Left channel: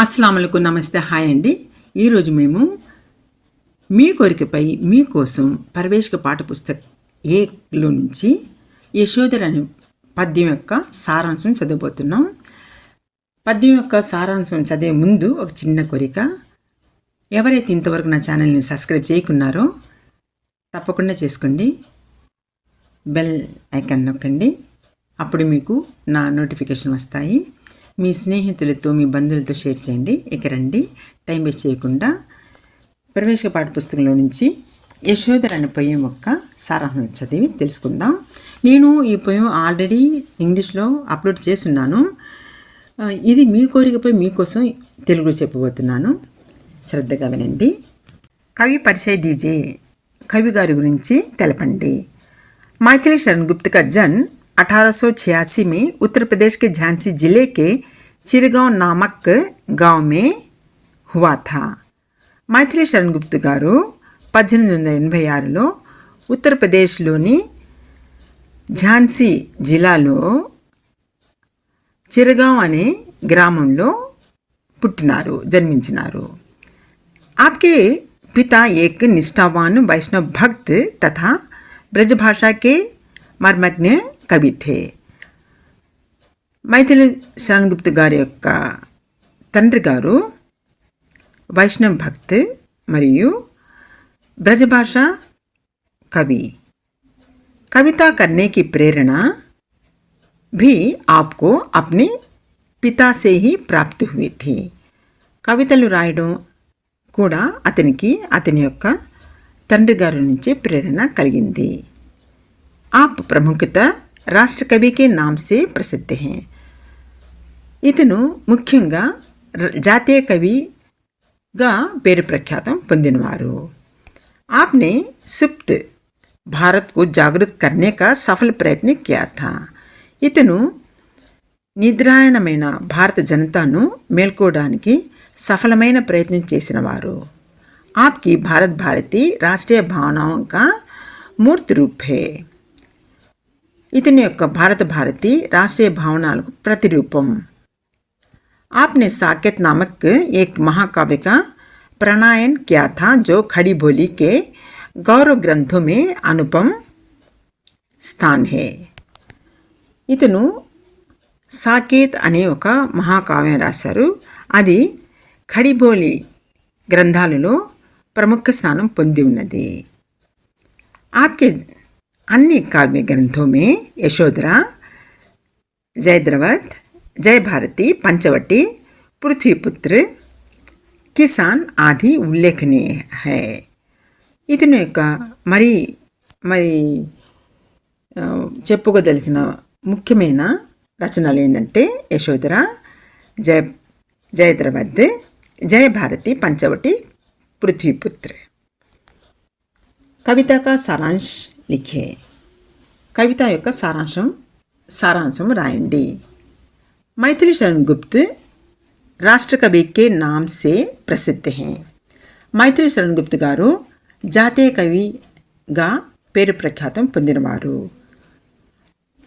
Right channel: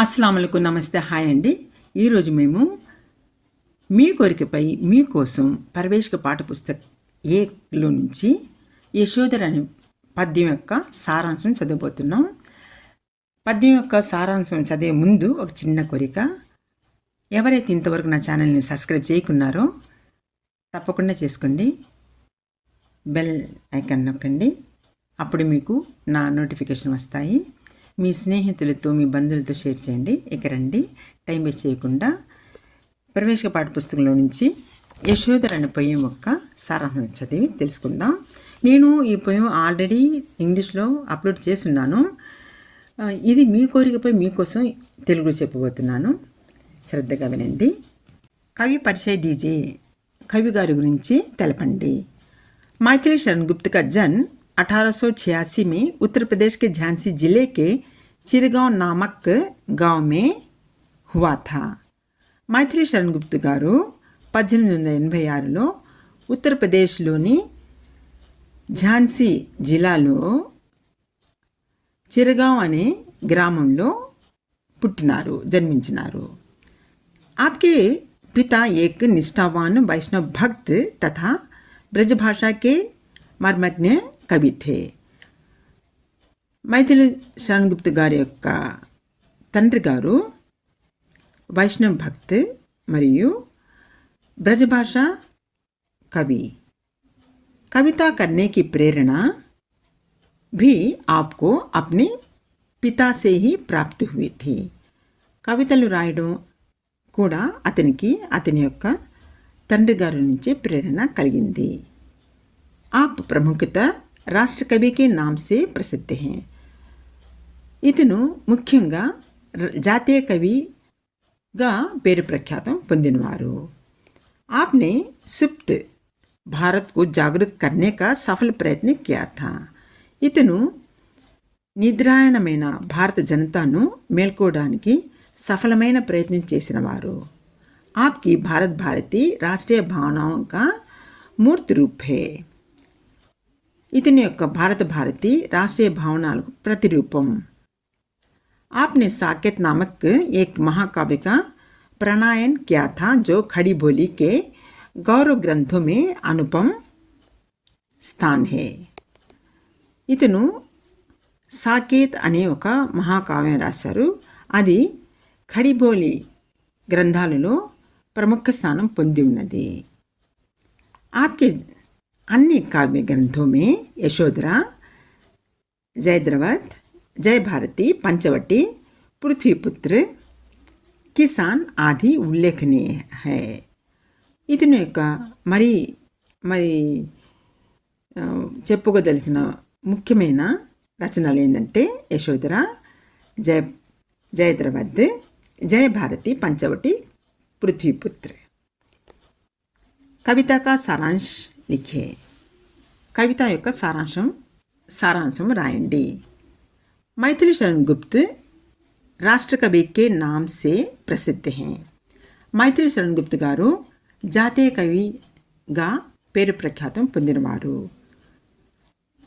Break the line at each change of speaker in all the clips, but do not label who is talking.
అస్సలాములకు నమస్తే హాయ్ అండి. ఈరోజు మేము మీ కోరికపై మీకోసం పరవేశక పాఠపుస్తక ఏలో నుంచి యశోధర అనే పద్యం యొక్క సారాంశం చదవబోతున్నాం. పద్యం యొక్క సారాంశం చదివే ముందు ఒక చిన్న కోరిక. ఎవరైతే ఇంతవరకు నా ఛానల్ని సబ్స్క్రైబ్ చేయకున్నారో తప్పకుండా చేసుకోండి. బెల్ ఐకాన్ నొక్కండి. అప్పుడు మీకు నా నోటిఫికేషన్ వస్తాయి. మీ స్నేహితులతో మీ బంధువులతో షేర్ చేయండి ఇక రండి టైం వేస్ట్ చేయకుండా ప్రవేశ పాఠ్యపుస్తకంలో నుంచి యశోధర అనే పొయ్యం యొక్క సారాంశం చదివి తెలుసుకుందాం నేను ఈ పొయ్యం ఆల్రెడీ ఇంగ్లీష్లో అప్లోడ్ చేస్తున్నాను ఆ, ఇది మీ కోరికపై మీకోసం తెలుగులో చెప్పబోతున్నాను శ్రద్ధగా వినండి కవి పరిచయ దీజే కవి గారి గురించి తెలపండి माइकल शरण गुप्त का जन्म 1886 में उत्तर प्रदेश के झांसी जिले के चिरगांव नामक गांव में हुआ था మైథిలి శరణ్ గుప్త్ గారు పద్దెనిమిది వందల ఎనభై ఆరులో ఉత్తరప్రదేశ్లోని ఝాన్సీ జిల్లాలో చిరగాం అనే గ్రామంలో పుట్టినారు జన్మించినారు आपके पिता एक निष्ठावान वैष्णव भक्त तथा ब्रजभाषा के मर्मज्ञ कवि थे మైథిలి శరణ్గుప్త్ గారి యొక్క తండ్రి గారు వైష్ణవ్ భక్త్ మరియు ब्रजभाष कवि कविता करने की प्रेरणा भी आपको अपने पिता से ही प्राप्त हुई थी కవితలు రాయడం కూడా అతనికి అతని యొక్క తండ్రి గారి నుంచి ప్రేరణ కలిగింది आप प्रमुखता రాష్ట్ర కవి కే నామ్ సే ప్రసిద్ధ హే ఇతను ముఖ్యంగా జాతీయ కవిగా పేరు ప్రఖ్యాతం పొందినవారు. ఆప్నే సుప్త్ భారత్కు జాగృత్ जागृत సఫల ప్రయత్నం किया ఇతను నిద్రాయణమైన భారత జనతాను మేల్కోవడానికి సఫలమైన ప్రయత్నం చేసిన వారు ఆప్కి భారత్ భారతి రాష్ట్రీయ భావన కా మూర్తి రూపే ఇతని యొక్క భారత భారతి రాష్ట్రీయ భావనాలకు ప్రతిరూపం. आपने साकेत नामक एक महाकाव्य का प्रणयन किया था जो खड़ी बोली के गौरव ग्रंथों में अनुपम स्थान है ఇతను సాకేత్ అనే ఒక మహాకావ్యం రాశారు అది ఖడిబోలి గ్రంథాలలో ప్రముఖ స్థానం పొంది ఉన్నది आपके अन्य काव्य ग्रंथों में यशोधरा जयद्रवत जय भारती पंचवटी पृथ्वीपुत्र కిసాన్ ఆది ఉల్లేఖనీయ హై ఇతని యొక్క మరి మరి ఆ, చెప్పుకోదలిచిన ముఖ్యమైన రచనలు ఏంటంటే యశోధర జయ జయద్రవద్ జయ భారతి పంచవటి పృథ్వీపుత్ర కవిత కా సారాంశ్ లిఖే కవిత యొక్క సారాంశం సారాంశం రాయండి మైథిలి శరణ్ గుప్త్ రాష్ట్ర కవి కే నామ్ సే ప్రసిద్ధ హే మైథిలి శరణ్ గుప్త్ గారు జాతీయ కవిగా పేరు ప్రఖ్యాతం పొందినవారు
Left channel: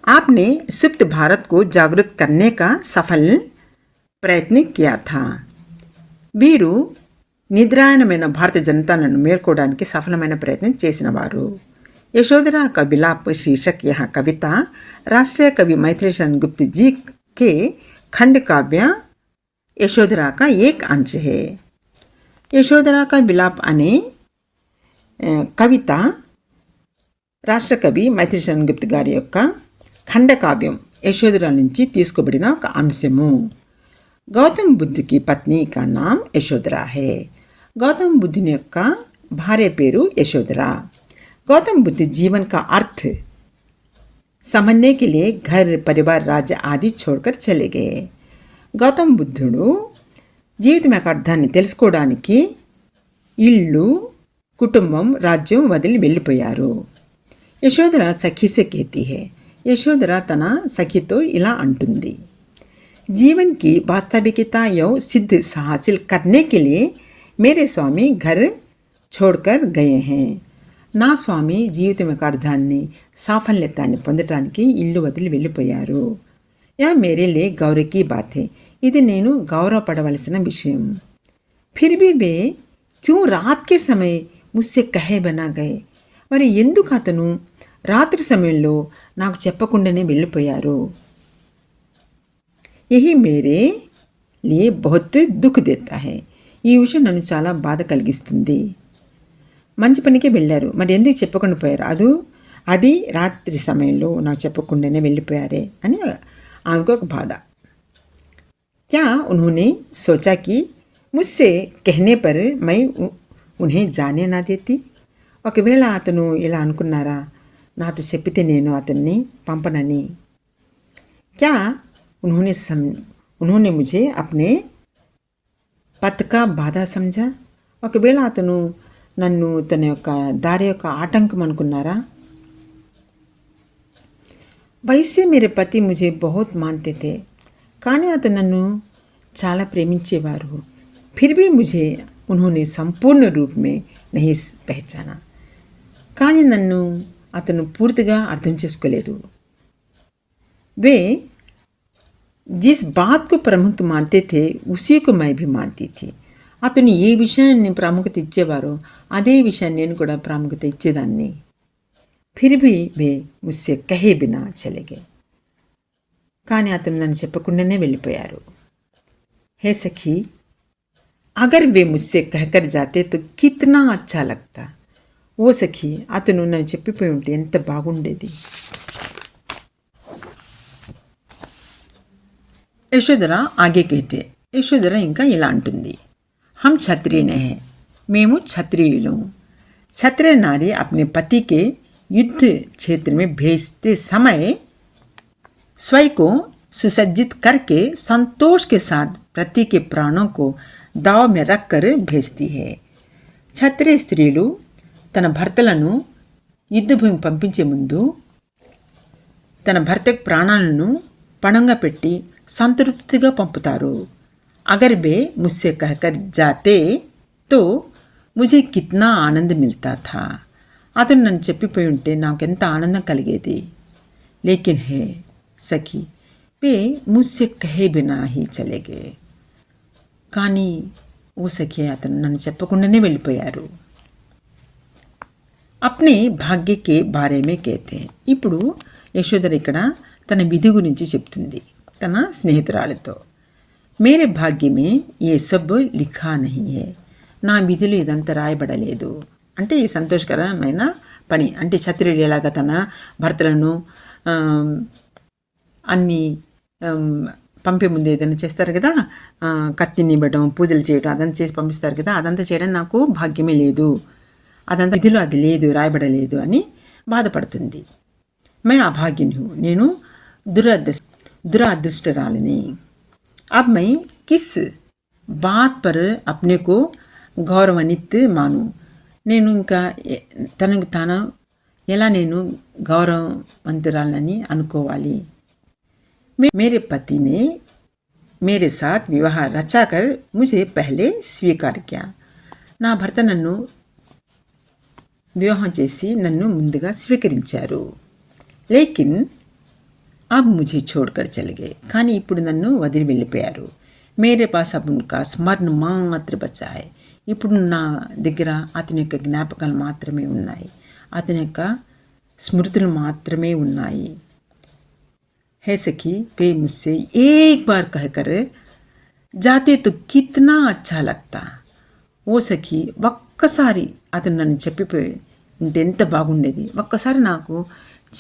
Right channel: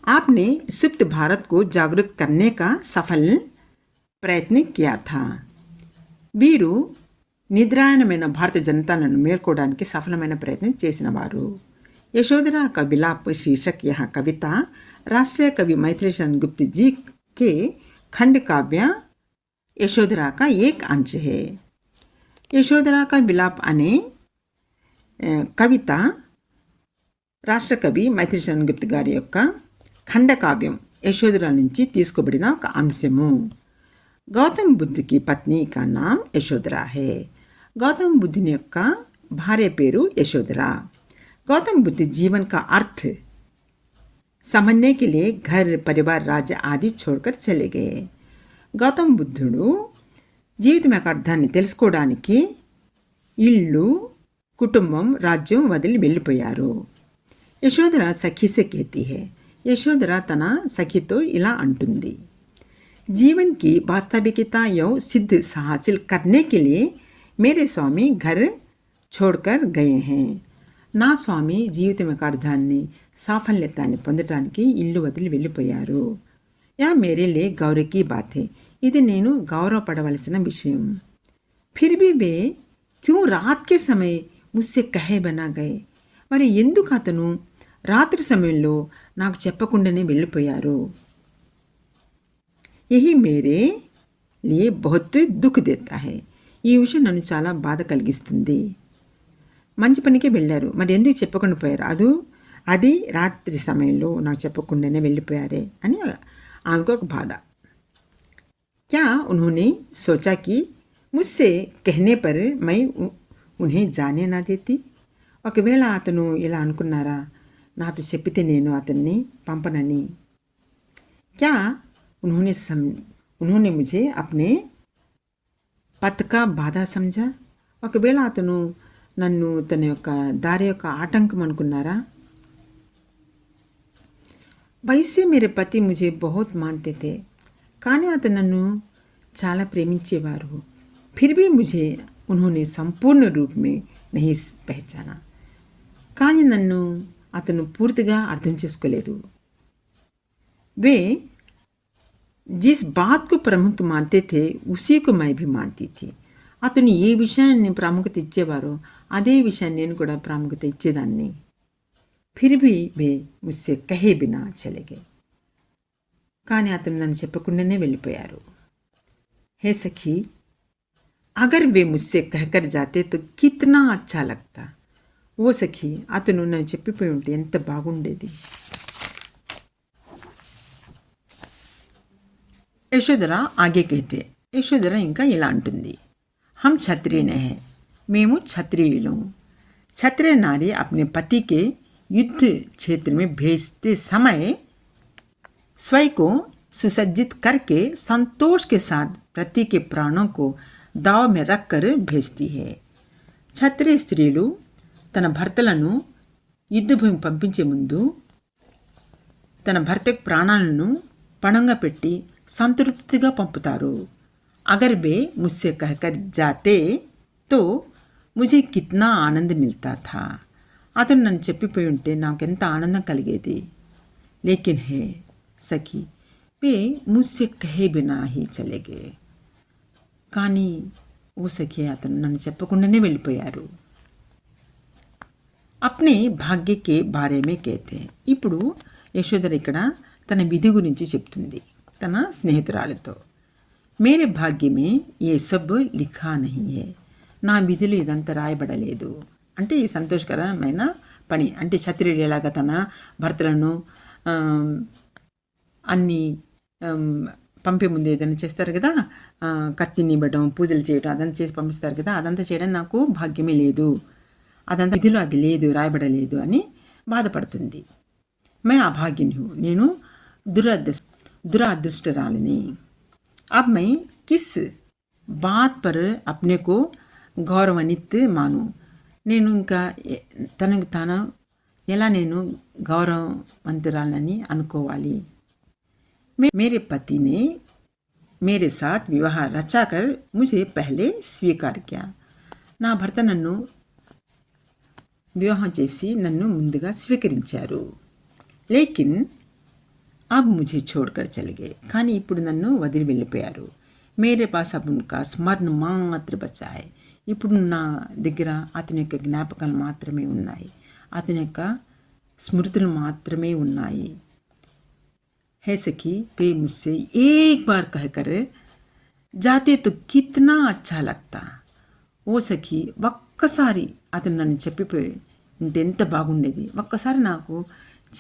आपने सुप्त भारत को जागृत करने का सफल ప్రయత్న किया था వీరు నిద్రాయణమైన భారత జనతాలను మేల్కోవడానికి సఫలమైన ప్రయత్నం చేసినవారు यशोधरा का विलाप शीर्षक यह कविता राष्ट्रीय कवि मैथिली शरण गुप्त जी के खंड काव्य यशोधरा का एक अंश है यशोधरा का विलाप अने ఆ, కవిత రాష్ట్ర కవి మైత్రి శరణ్ గుప్త్ గారి యొక్క ఖండకావ్యం యశోధర నుంచి తీసుకోబడిన ఒక అంశము గౌతమ్ బుద్ధుకి పత్ని కా నామ్ యశోధర హే గౌతమ్ బుద్ధుని యొక్క భార్య పేరు యశోధర गौतम बुद्ध जीवन का अर्थ समझने के लिए घर परिवार राज्य आदि छोड़कर चले गए గౌతమ్ బుద్ధుడు జీవితం యొక్క అర్థాన్ని తెలుసుకోవడానికి ఇల్లు కుటుంబం రాజ్యం వదిలి వెళ్ళిపోయారు యశోధర సఖీసే కేతి హే యశోధర తన సఖితో ఇలా అంటుంది जीवन की वास्तविकता यो सिद्ध हासिल करने के लिए मेरे स्वामी घर छोड़कर गए हैं నా స్వామి జీవితం యొక్క అర్థాన్ని సాఫల్యతాన్ని పొందటానికి ఇల్లు వదిలి వెళ్ళిపోయారు యా మేరే లే గౌరవ కీ బాత్ హే ఇది నేను గౌరవపడవలసిన విషయం ఫిర్ भी वे क्यों रात के समय मुझसे कहे बना गए మరి ఎందుకు అతను రాత్రి సమయంలో నాకు చెప్పకుండానే వెళ్ళిపోయారు यही मेरे लिए बहुत दुख देता है ఈ విషయం నన్ను చాలా బాధ కలిగిస్తుంది మంచి పనికి వెళ్ళారు. మరి ఎందుకు చెప్పకుండా పోయారు? అది అది రాత్రి సమయంలో నాకు చెప్పకుండానే వెళ్ళిపోయారే అని ఆమెకు ఒక బాధ. క్యా उन्होंने సోచాకి ముస్సే कहने పర్ మై ఉన్నే జానే నా देती ఒకవేళ అతను ఇలా అనుకున్నారా? నాతో చెప్పితే నేను అతన్ని పంపనని. క్యా ఉన్హోనే సమ్ ఉన్హోనే ముజే అప్నే పత్ బాధ సమజా ఒకవేళ అతను నన్ను తన యొక్క దారి యొక్క ఆటంకం అనుకున్నారా? వయసే మీరు పతి ముజే బహుత్ మాన్తే కానీ అతను నన్ను చాలా ప్రేమించేవారు. ఫిర్బీ ముజే ఉన్హోనే సంపూర్ణ రూపమే నహి పహచానా. కానీ నన్ను అతను పూర్తిగా అర్థం చేసుకోలేదు. వే జిస్ బాత్కు ప్రముఖ మాన్తే थे उसी को मैं भी मानती थी అతను ఏ విషయాన్ని ప్రాముఖ్యత ఇచ్చేవారో అదే విషయాన్ని నేను కూడా ప్రాముఖ్యత ఇచ్చేదాన్ని. ఫిర్బి వే ముస్సే కహే బినా చలిగే. కానీ అతను నన్ను చెప్పకుండానే వెళ్ళిపోయారు. హే సఖీ అగర్ వే ముస్సే కహకర్ జాతే తో కిత్నా అచ్చా లగ్తా? ఓ సఖీ అతను నన్ను చెప్పిపోయి ఉంటే ఎంత బాగుండేది. యశోధర ఆగే కైతే యశోధర ఇంకా ఇలా అంటుంది. हम क्षत्रिय हैं మేము క్షత్రియులు क्षत्रिय नारी अपने पति के युद्ध क्षेत्र में भेजते समय स्वयं को सुसज्जित करके संतोष के साथ पति के प्राणों को दाव में रखकर भेजती है క్షత్రియ స్త్రీలు తన భర్తలను యుద్ధభూమి పంపించే ముందు తన భర్త యొక్క ప్రాణాలను పణంగా పెట్టి సంతృప్తిగా పంపుతారు అగర్ वे मुझसे कहकर जाते तो ముझे కిత్నా ఆనంద్ మిల్తా థా అతను నన్ను చెప్పిపోయి ఉంటే నాకెంత ఆనందం కలిగేది లేకిన్ హే సఖీ వే ముస్సే కహే బినా హీ చలేగే కానీ ఓ సఖి అతను నన్ను చెప్పకుండానే వెళ్ళిపోయారు అప్నే భాగ్యకే బారేమే కేతే ఇప్పుడు యశోధర ఇక్కడ తన విధి గురించి చెప్తుంది తన స్నేహితురాలతో మేరే భాగ్యమే ఏ సబ్ లిఖా నహియే నా విధిలో ఇదంతా రాయబడలేదు అంటే ఈ సంతోషకరమైన పని అంటే క్షత్రియుడు ఎలాగ తన భర్తలను అన్ని పంపే ముందు ఏదైనా చేస్తారు కదా కత్తిని ఇవ్వడం పూజలు చేయడం అదంతా చేసి పంపిస్తారు కదా అదంతా చేయడం నాకు భాగ్యమే లేదు అదంతా విధిలో అది లేదు రాయబడలేదు అని బాధపడుతుంది మే అభాగ్యుని నేను దురదృష్ట దురదృష్టరాలిని अब मैं किस बात पर अपने को గౌరవనిత్ మాను నేను ఇంకా ఎ- తనకు తాను ఎలా నేను గౌరవవంతురాలని అనుకోవాలి मे- मेरे पति ने मेरे साथ विवाह रचाकर मुझे पहले स्वीकार किया నా భర్త నన్ను వివాహం చేసి నన్ను ముందుగా స్వీకరించారు లేకిన్ అబ్ मुझे छोड़कर చలిగే. కానీ ఇప్పుడు నన్ను వదిలి వెళ్ళిపోయారు. మేరే పాస్ అబ్కా స్మరణ మాత్ర బచ్చాయి ఇప్పుడు నా దగ్గర అతని యొక్క జ్ఞాపకాలు మాత్రమే ఉన్నాయి. అతని యొక్క స్మృతులు మాత్రమే ఉన్నాయి. హే సఖీ తే ముస్సే ఏక్ బార్ కహకర్ జాతే తు కిత్నా అచ్చా లగ్తా? ఓ సఖి ఒక్కసారి అతను నన్ను చెప్పిపోయి ఉంటే ఎంత బాగుండేది. ఒక్కసారి నాకు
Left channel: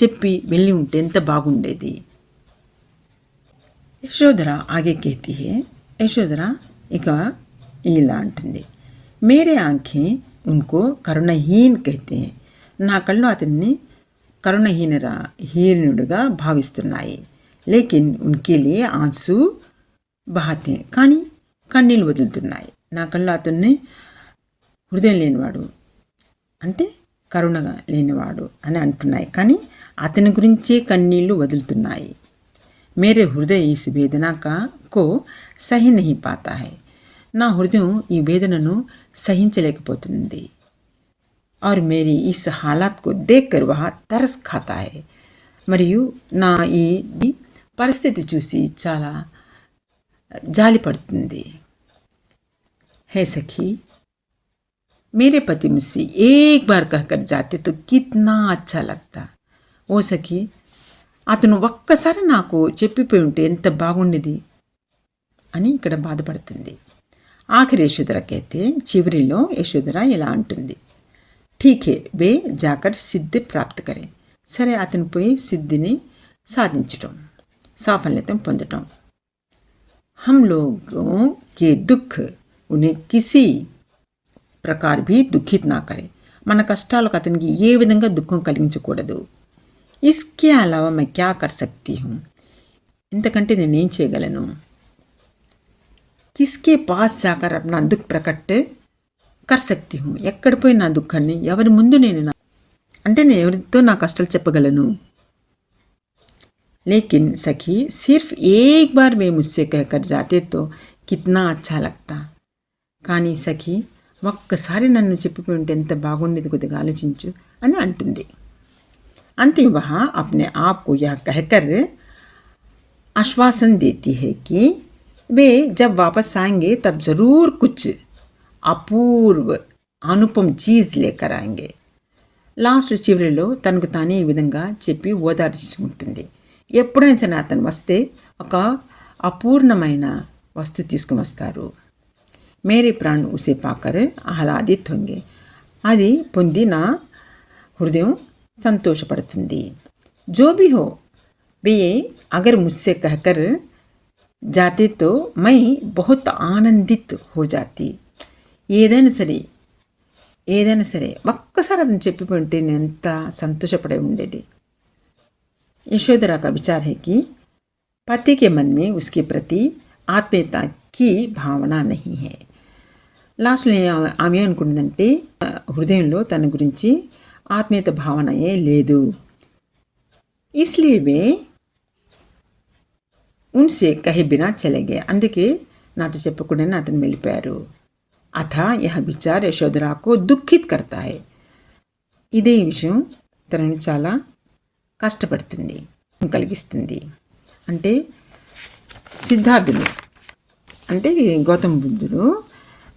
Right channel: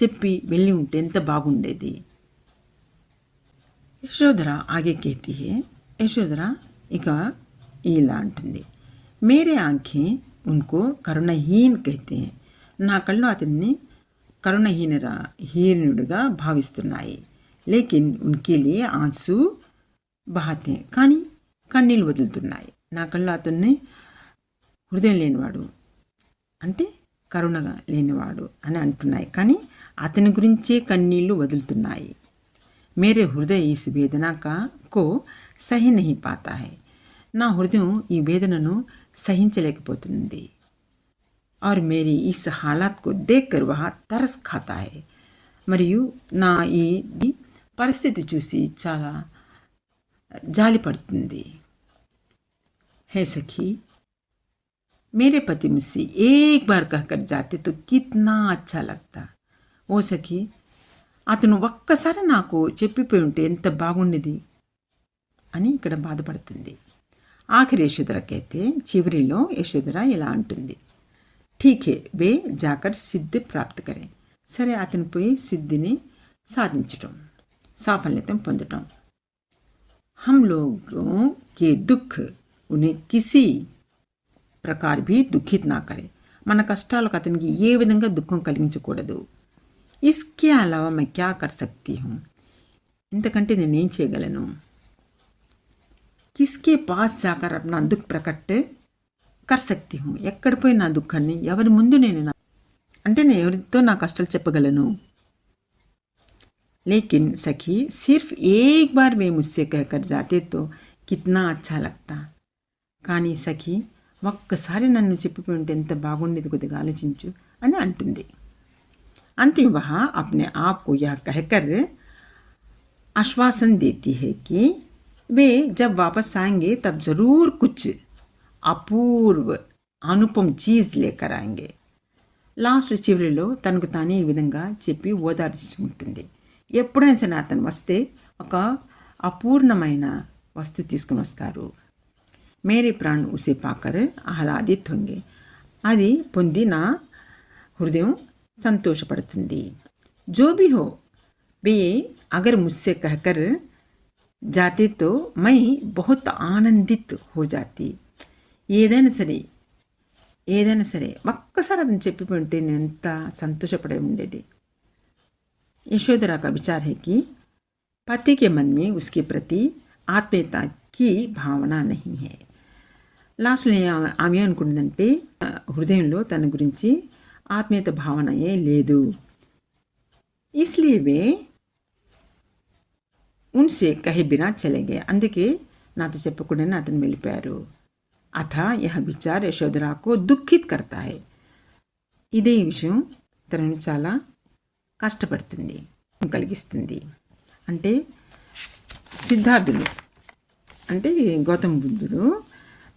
చెప్పి వెళ్ళి ఉంటే ఎంత బాగుండేది? యశోధర ఆగే యశోధర ఇక ఇలా అంటుంది. మేరే ఆంఖే ఉన్కో కరుణహీన్ కైతే నా కళ్ళు అతన్ని కరుణహీనర హీనుడుగా భావిస్తున్నాయి. లేకిన్ ఉన్కే లియే ఆన్సు బహాతే కానీ కన్నీళ్ళు వదులుతున్నాయి. నా కళ్ళు అతన్ని హృదయం లేనివాడు అంటే కరుణగా లేనివాడు అని అంటున్నాయి. కానీ అతని గురించే కన్నీళ్లు వదులుతున్నాయి మేరే హృదయ ఈ వేదన కా కో సహి నహి పాతా హై నా హృదయం ఈ వేదనను సహించలేకపోతుంది और मेरी इस हालात को देखकर वह तरस खाता है మరియు నా ఈ ఈ పరిస్థితి చూసి చాలా జాలి పడుతుంది है सखी मेरे पति मुझसे एक बार कहकर जाते तो कितना अच्छा लगता ఓ సఖి అతను ఒక్కసారి నాకు చెప్పిపోయి ఉంటే ఎంత బాగుండేది అని ఇక్కడ బాధపడుతుంది ఆఖరి యశోధరకైతే చివరిలో యశోధర ఇలా అంటుంది ఠీకే వే జాకర్ సిద్ధి ప్రాప్తి కరే సరే అతను పోయి సిద్ధిని సాధించటం సాఫల్యతం పొందటం हम लोगों के दुख उन्हें किसी ప్రకార్ భీ దుఃఖిత్ నా కరే మన కష్టాలకు అతనికి ఏ విధంగా దుఃఖం కలిగించకూడదు ఇస్కే అలావా मैं क्या कर सकती हूँ ఇంతకంటే నేనేం చేయగలను కిస్కే పాస్ జాకర్ నా దుఃఖ్ ప్రకట్ కర్ సక్తి హూ ఎక్కడ పోయి నా దుఃఖాన్ని ఎవరి ముందు నేను నా అంటే నేను ఎవరితో నా కష్టాలు చెప్పగలను लेकिन सखी सिर्फ एक बार वे मुझसे कहकर जाते तो कितना अच्छा लगता కానీ సఖి ఒక్కసారి నన్ను చెప్పిపోయి ఉంటే ఎంత బాగుండేది కొద్దిగా ఆలోచించు అని అంటుంది अंतिम वहाँ अपने आप को यह कहकर आश्वासन देती है कि वे जब वापस आएंगे तब ज़रूर कुछ అపూర్వ అనుపమ్ చీజ్ లేకర్ ఆయంగే లాస్ట్ చివరిలో తనకు తానే ఈ విధంగా చెప్పి ఓదార్చుకుంటుంది ఎప్పుడైనా సరే అతను వస్తే ఒక అపూర్ణమైన వస్తువు తీసుకుని వస్తారు మేరీ ప్రాణ్ ఉసే పాకర్ ఆహ్లాదిత్ హొంగే అది పొంది నా హృదయం సంతోషపడుతుంది జో भी हो वे अगर मुझसे कहकर जाते तो मैं बहुत आनंदित हो जाती ఏదైనా సరే ఏదైనా సరే ఒక్కసారి అతను చెప్పిపోయి ఉంటే నేను ఎంత సంతోషపడే ఉండేది यशोधरा का विचार है कि पति के मन में उसके प्रति ఆత్మీయత की భావన नहीं है లాస్ట్లో ఆమె అనుకుంటుందంటే హృదయంలో తన గురించి ఆత్మీయత భావనయే లేదు. ఇస్లీవే ఉన్సే కహిబినా చెలగే. అందుకే నాతో చెప్పకుండానే అతను వెళ్ళిపోయారు. అథ యహ విచార్ యశోధరాకు దుఃఖిత్ కర్తాయి ఇదే విషయం తనను చాలా కష్టపడుతుంది కలిగిస్తుంది. అంటే సిద్ధార్థుడు అంటే గౌతమ బుద్ధుడు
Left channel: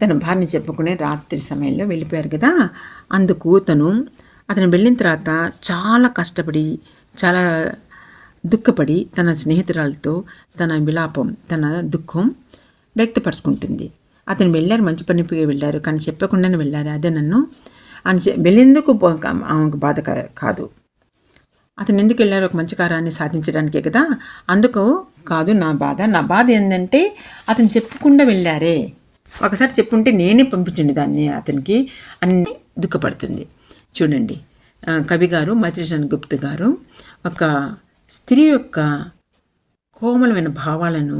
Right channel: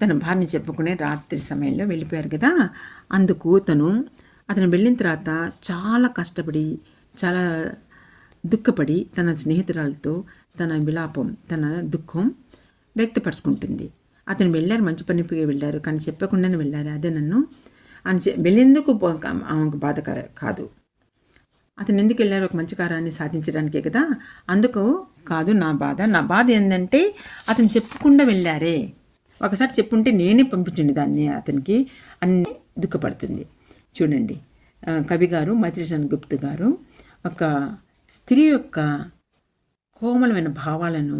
తన భార్య చెప్పుకునే రాత్రి సమయంలో వెళ్ళిపోయారు కదా. అందుకు తను అతను వెళ్ళిన తర్వాత చాలా కష్టపడి చాలా దుఃఖపడి తన స్నేహితురాలతో తన విలాపం తన దుఃఖం వ్యక్తపరుచుకుంటుంది. అతను వెళ్ళారు మంచి పనికి వెళ్ళారు కానీ చెప్పకుండానే వెళ్ళారు. అదే నన్ను అని చె- వెళ్ళేందుకు ఆమెకు బాధ కాదు. అతను ఎందుకు వెళ్ళారు? ఒక మంచి కార్యాన్ని సాధించడానికే కదా? అందుకు కాదు నా బాధ. నా బాధ ఏంటంటే అతను చెప్పకుండా వెళ్ళారే. ఒకసారి చెప్పుంటే నేనే పంపించండి దాన్ని అతనికి అని దుఃఖపడుతుంది. చూడండి. కవిగారు కవి గారు గారు ఒక స్త్రీ యొక్క కోమలమైన భావాలను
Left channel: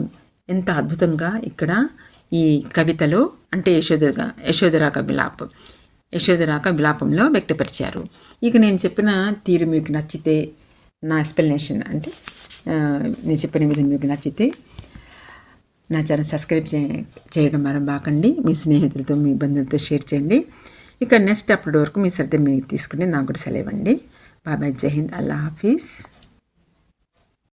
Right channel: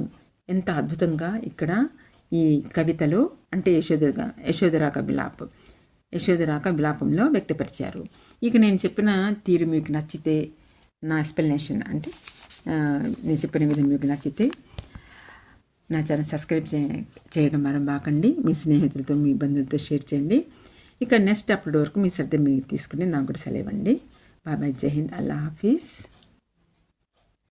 ఎంత అద్భుతంగా ఇక్కడ ఈ కవితలో అంటే యశోధర యశోధరాక విలాపం యశోధరాక విలాపంలో వ్యక్తపరిచారు. ఇక నేను చెప్పిన తీరు మీకు నచ్చితే నా ఎక్స్ప్లెనేషన్ అంటే నేను చెప్పిన విధంగా మీకు నచ్చితే నా ఛానల్ సబ్స్క్రైబ్ చే చేయడం మరబాకండి మీ స్నేహితులతో మీ బంధువులతో షేర్ చేయండి. ఇక నెక్స్ట్ అప్పటి వరకు మీ శ్రద్ధ మీరు తీసుకుని నాకు కూడా సెలవండి బాబాయ్ జై హింద్. అల్లా హాఫీజ్.